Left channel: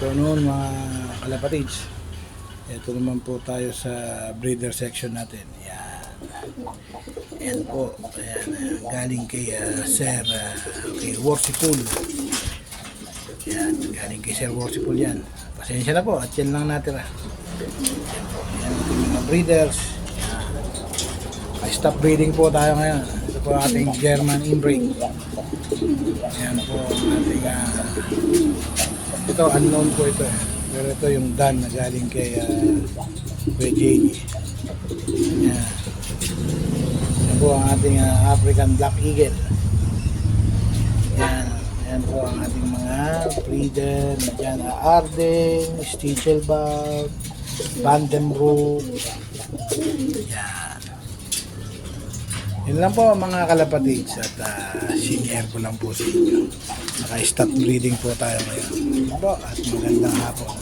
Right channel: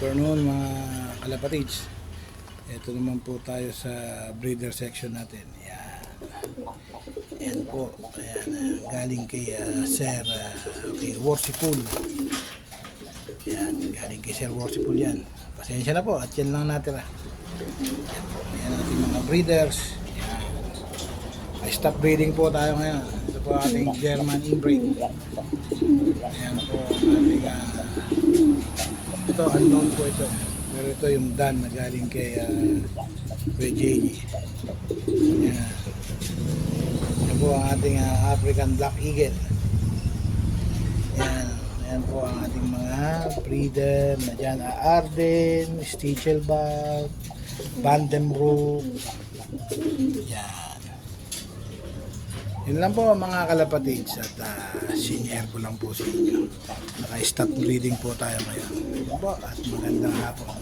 afternoon mga kalapatids. Ito naman po tayo sa breeder section natin. Yan. Yan po. Ayan, galing kay Sir kay Worsipul. Yan, galing kay Sir Worsipul yan. Pasensya na po at yan lang natira. Yan po. Yan ating mga breeders. Yan. Stop breeding po tayo ngayon. Ito po ating German inbreed. Yan po ating ito unknown po ito pero ito yung Dan na galing kay JJ. Yan. Yan po ang ating African Black Eagle. Yan. Yan po ang ating mga breeder na dyan. Arden, Stichelbach, Vandenbroek. Yan. Yan lang po mga kalapatids at senior ko lang po sa inyo. Naka-stop breeding po tayo ngayon. Yan po at magandang hapon.